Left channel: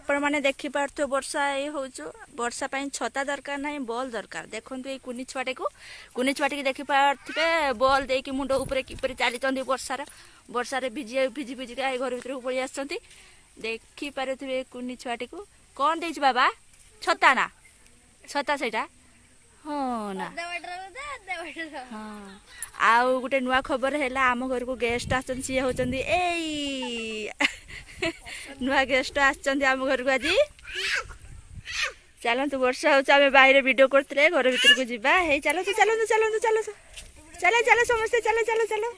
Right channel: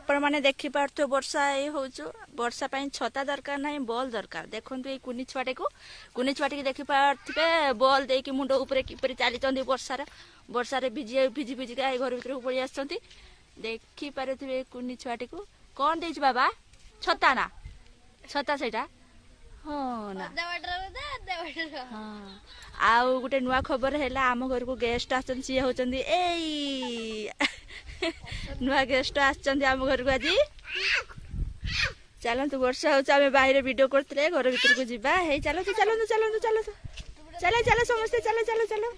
आपण मैंने देखी पार्थ वर्षा ये हो वर्षा छता दरकार ना बॉल दरकार देखु ये कुनी छुआटे की देखी पारे बॉल दे कि मुंड उपर किपर चली वर्षार वर्षार भिजी भिजी भिजी घर भर को पलि आस देखी पारे कुनी छुआटे को कौन दे बाबा छता ना छता से हाँ ना हाँ आउ गोटे नुआ खबर है आम घर को गेस्ट आसन सी होचंदी ए नुआ गेस्ट आम घर को आज चलतु वर्षा हो बाहर वीडियो करते घर भीतर को जीवा हे चलतु चलतु चलतु चलतु चलो चलो समस्ते चलो चलो चलो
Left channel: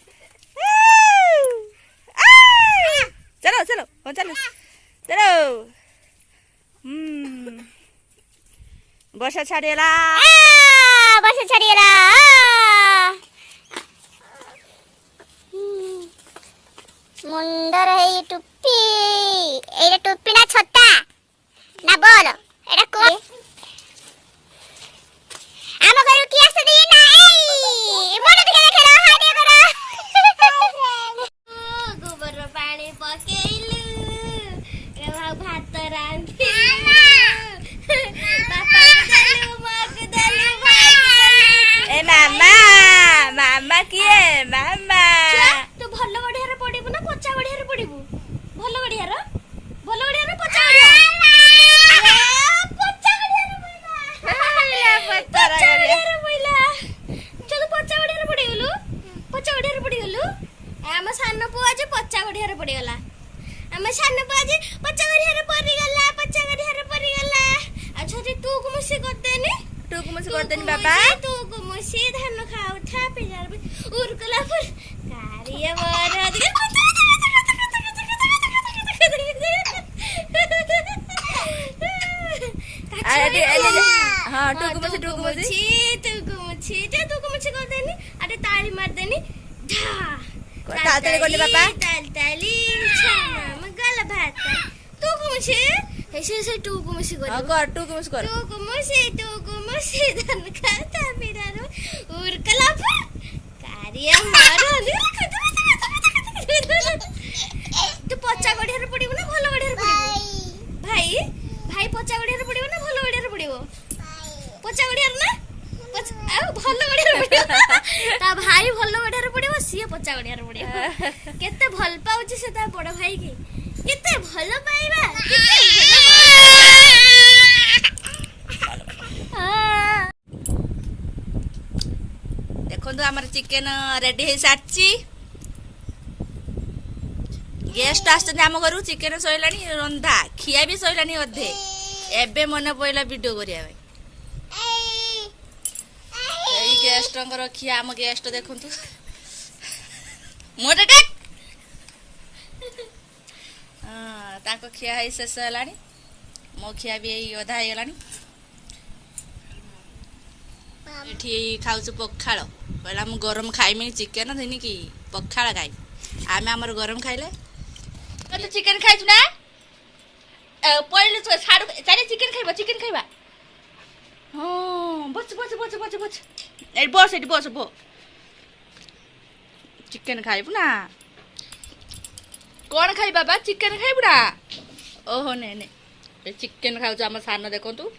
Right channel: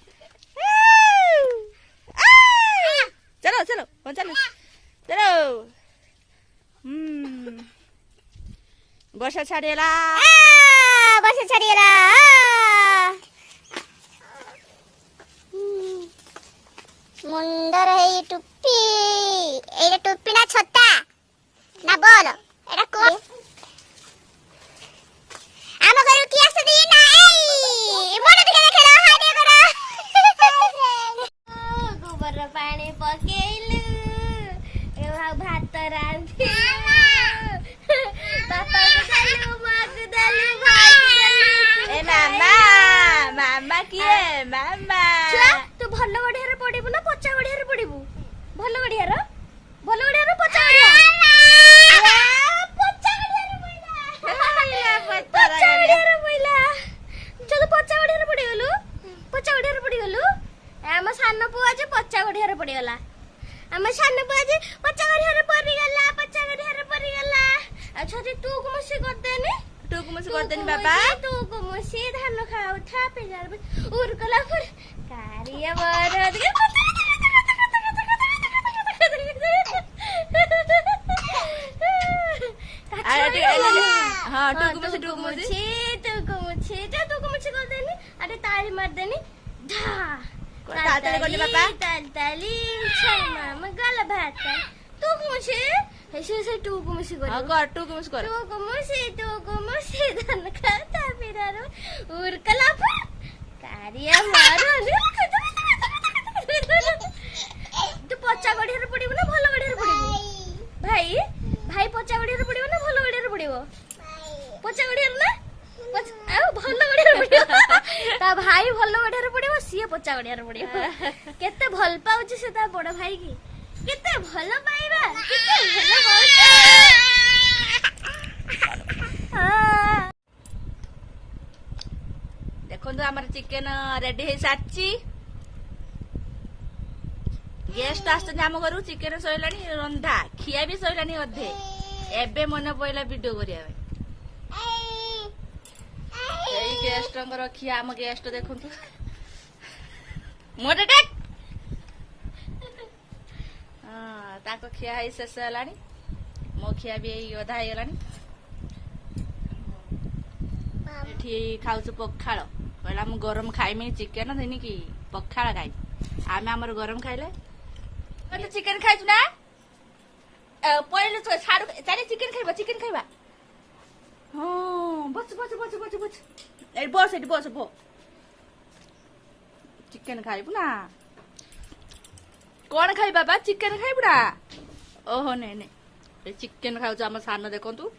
चलो चलो हाँ चलो चलो वर्षा छाड़ीगला वर्षा छाड़ीगला मुंडर है टुप्पी एटा टुप्पी ना छत्ता ना बोल एटा को आम घर की आस दी ना ए मोर दिखे देखला हाय करो गोबर पानी पकेलु ए भात रांधी पापा को दलु मां को दलु भाई ए मामा मामा किए मामा तू भल्ल बढ़िया रे पड़िबु ना पचा बढ़िया रे पड़िबु भल्ल बढ़िया रे पचा बढ़िया पचा बढ़िया रे मोइला पचा बढ़िया रे मोइला जब पचा बढ़िया रे पड़ी गलु हम सान पु आज पचा बढ़िया रे पड़ी गला हम सान पु आज पचा बढ़िया रे पड़ी गला अच्छा रे तू को मसी कर देनी बाबा तू को मसी धान खाउ था पे उरकला फुर कारिया मार हाँ टुकु मुछी कर देनी अरे ताली मार देनी धा ताली छना मगल भात टुकु मुछी ऐसे टुकु मुछी कर टुकु मुछी धन खाता मेरा उरकला फुर कारिया मारो तू पचा गड़िया पड़िबो ना भल गड़िया पड़िबो भाई भाई पचा गड़िया पड़िबो ना भल गड़िया पड़िबो पचा गड़िया ना भल गड़िया पड़िबो ता भाई भल गड़िया पड़िबो सिए पचा गड़िया पड़िबो केते भल पाउची से ता बड़ भाई के केते भल पाइबा केते भल देखो आमर चिकेन रेडी हो सारी गेस्ट आम घर चिकेन सैला रंधा खिया भी सैला अधे एबे मन पड़ा वीडियो करिया गेस्ट खिया आम गेस्ट देखु मोटे हाँ खिया है शेष है मो खिया भी अधा हो खाऊ पखाड़ कहला मु गरम खाइमी चिकेन देनी कि पखाड़ खाई आम आमर गरम खाइले तो चिकेन खाइछु ना पहिले छाड़ चारे चिकेन खाइबा हां बच बच बच बच बच ए बस एटी बस बो चिकेन खाइबु ना कौन खाइ बाबा चिकेन खाइबु ना ओहो ने ने चिकेन खाउ आम सान देखंतु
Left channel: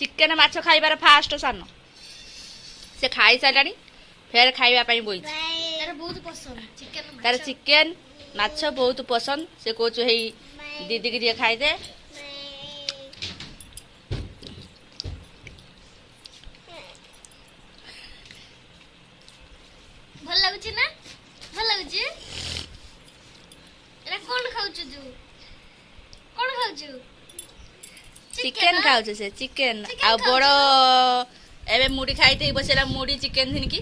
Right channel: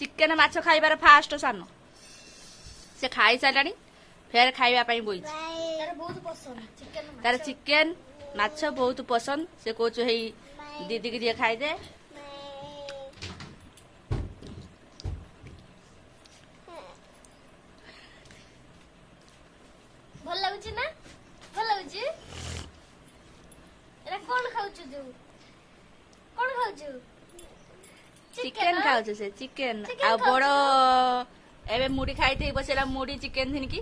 चिकेन माछ खाइबार फास्ट सान से खाई सारानी फेर खाइबा पई बोई तार बहुत पसंद चिकेन तार चिकेन माछ बहुत पसंद से कोचु हे दीदी के दिए खाई दे भल लागुची ना भल लागुची एरा कोन खाउछु जु कोन खाउछु चिकेन खाउछु से चिकेन आ बड़ो एबे मुड़ी खाई थई बसेला मुड़ी चिकेन थिन की